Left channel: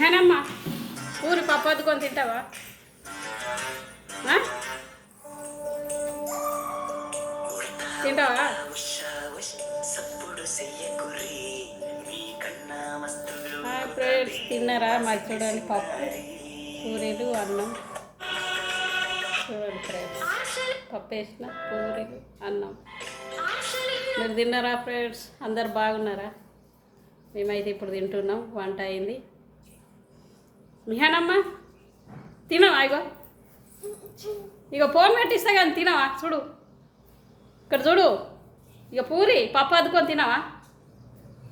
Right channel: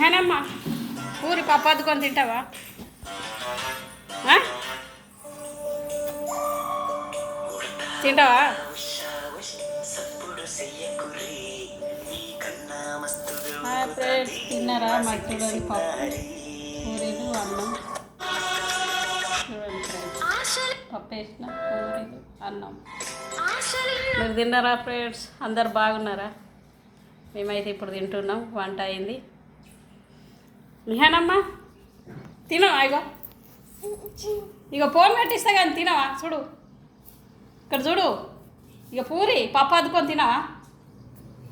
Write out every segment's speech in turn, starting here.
నిహానమ్మ పూరి పప్పు అద్దుకొని తింటావా? తింటావా? ఫ్రెండ్స్ తిన్నారా? మరి చూడండి పప్పు పూరీలు అన్నం. చూడండి ఫ్రెండ్స్ పప్పు వేసిన పూరీలు అన్నం. మీరు తిన్నారా ఫ్రెండ్స్? అందరు బాగున్నారా? మేమైతే ఇప్పుడు తింటున్నాం. వంట అయింది. నిహానమ్మ తినవా? ఇక ఫోన్ పెట్టిస్తా కానీ తినవా? చూడు ఇక్కడ చూడు. ఇక పూరి పప్పు అద్దుకొని తినవా?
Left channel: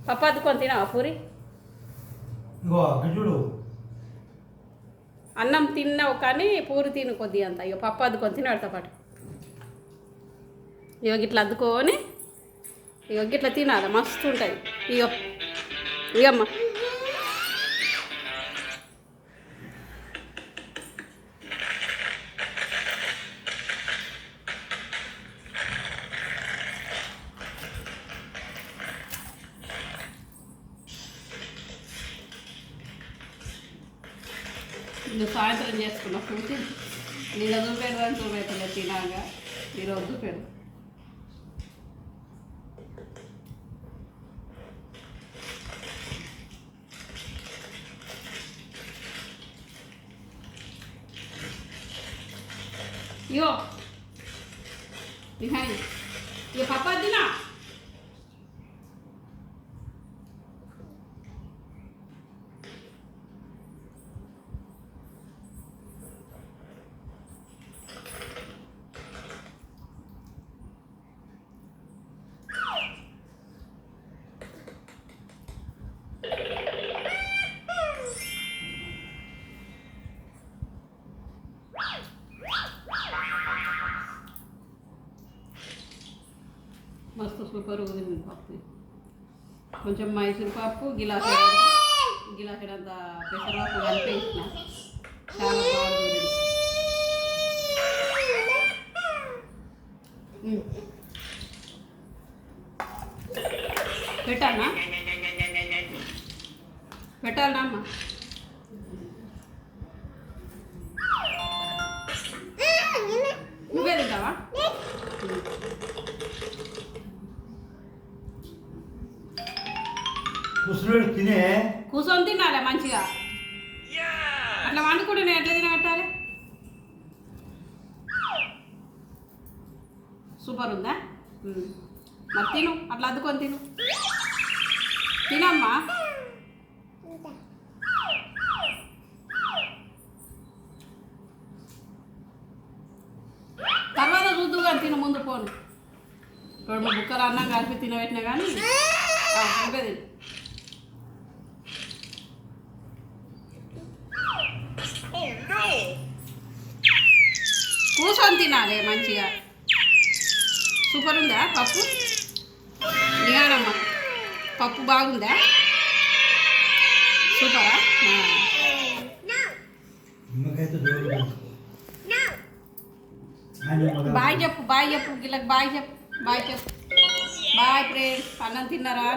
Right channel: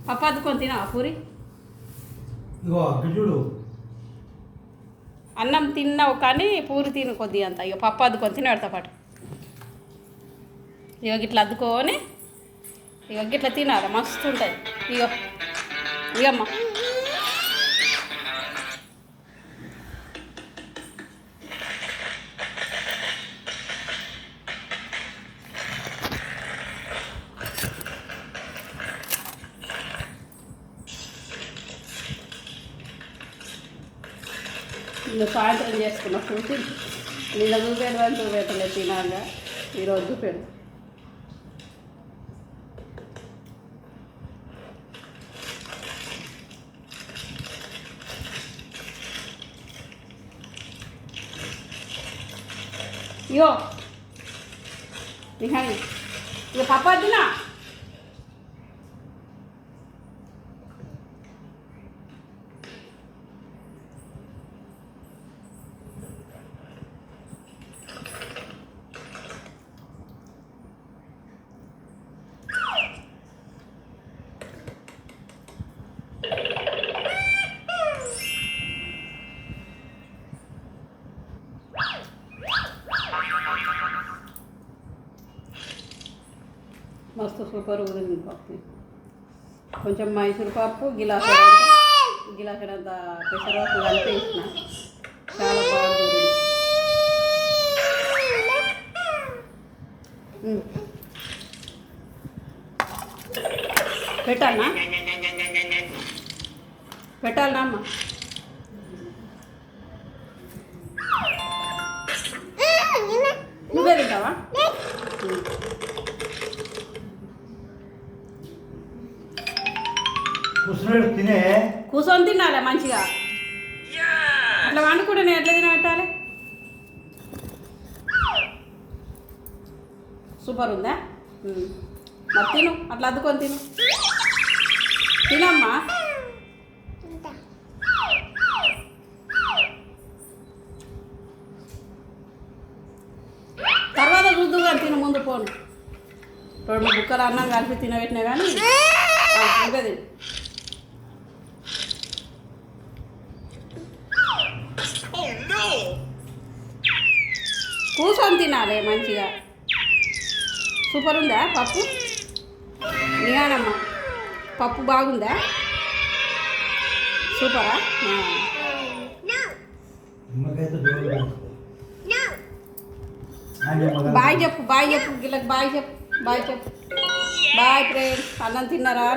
పప్పు అద్దుకొని తినవా పూరి? చూడు అన్నం తిన్నావు కానీ పూరి తిను కొద్ది అంత. ఇక పప్పు అద్దుకొని తినబడతా పాటు. ఇక గిట్లా అద్దుకొని ఇక గిట్లా తినాలి, మస్తు ఉంటుంది. ఇగమ్మ ఇంకా సాయంత్రం చేసుకున్నా చూసి నిన్న చూపెడు అని చూపెట్టలేదు తినాగా. ఈరోజు చూపెడు. ఇగో నిహాని ఇక పప్పు వద్దునా? మస్తు సూపర్ ఊరింది పప్పు. కొంచెం మైసూర్ పప్పు గిలాసడంత పెసరపప్పు కలిపి వేసిన. చాలా బాగుంది. పెట్టాలనా? పెట్టాలనా అమ్మ? నువ్వే తింటావా? కూర్చొని తినాలి మంచిగా. అట్లా వండుకుంటే నేను ఎట్లా తినబెట్టాలి? సూపర్ ఉందా? మరి తిను, అట్లా అద్దుకొని తిను. తినమ్మా. తర్వాత చూద్దు కానీ తిను, ముందు పోను. ఇప్పుడు మా బుక్కలు అన్నం కలిపి తినబెట్టినా కానీ ఉంటుంది. కూర్చొని తినాలి మంచిగా. సూపర్ ఉందా పప్పు? నిహానమ్మ పప్పు బాగుందా? సూపరా? బాయ్ చెప్పు, బాయ్ చెప్పు, గిల్లకి బాయ్ చెప్పు, బాయ్ చెప్పు. Bye friends. అన్నం తిన్నారా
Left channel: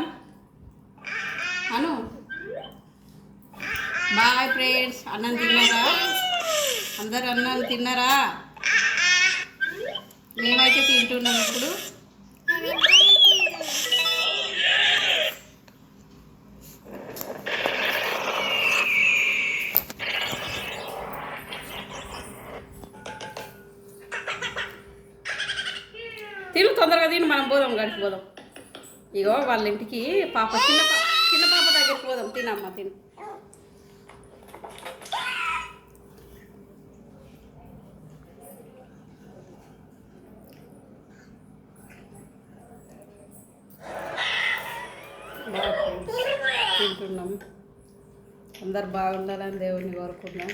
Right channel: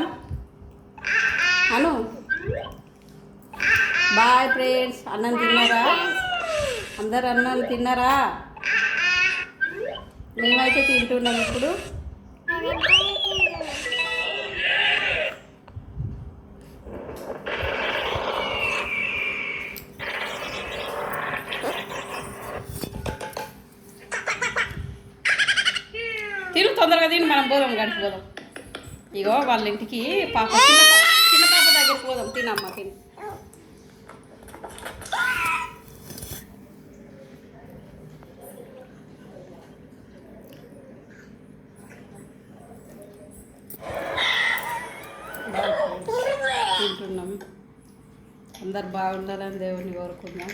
అను? Bye friends. అన్నం తిన్నారా? అందరు అన్నం తిన్నారా? మేమైతే తింటున్నాం ఇప్పుడు. తిను తొందరగా తిని మనం పోదాం, గడిచిపోదాం. ఇగో వాళ్ళ ఇంటికి చిన్న పాప దగ్గరికి పోదాం. తినమ్మా తిని. తింటున్నాం. అందరు బాగుండాలని దేవుని కోరుకున్నాం.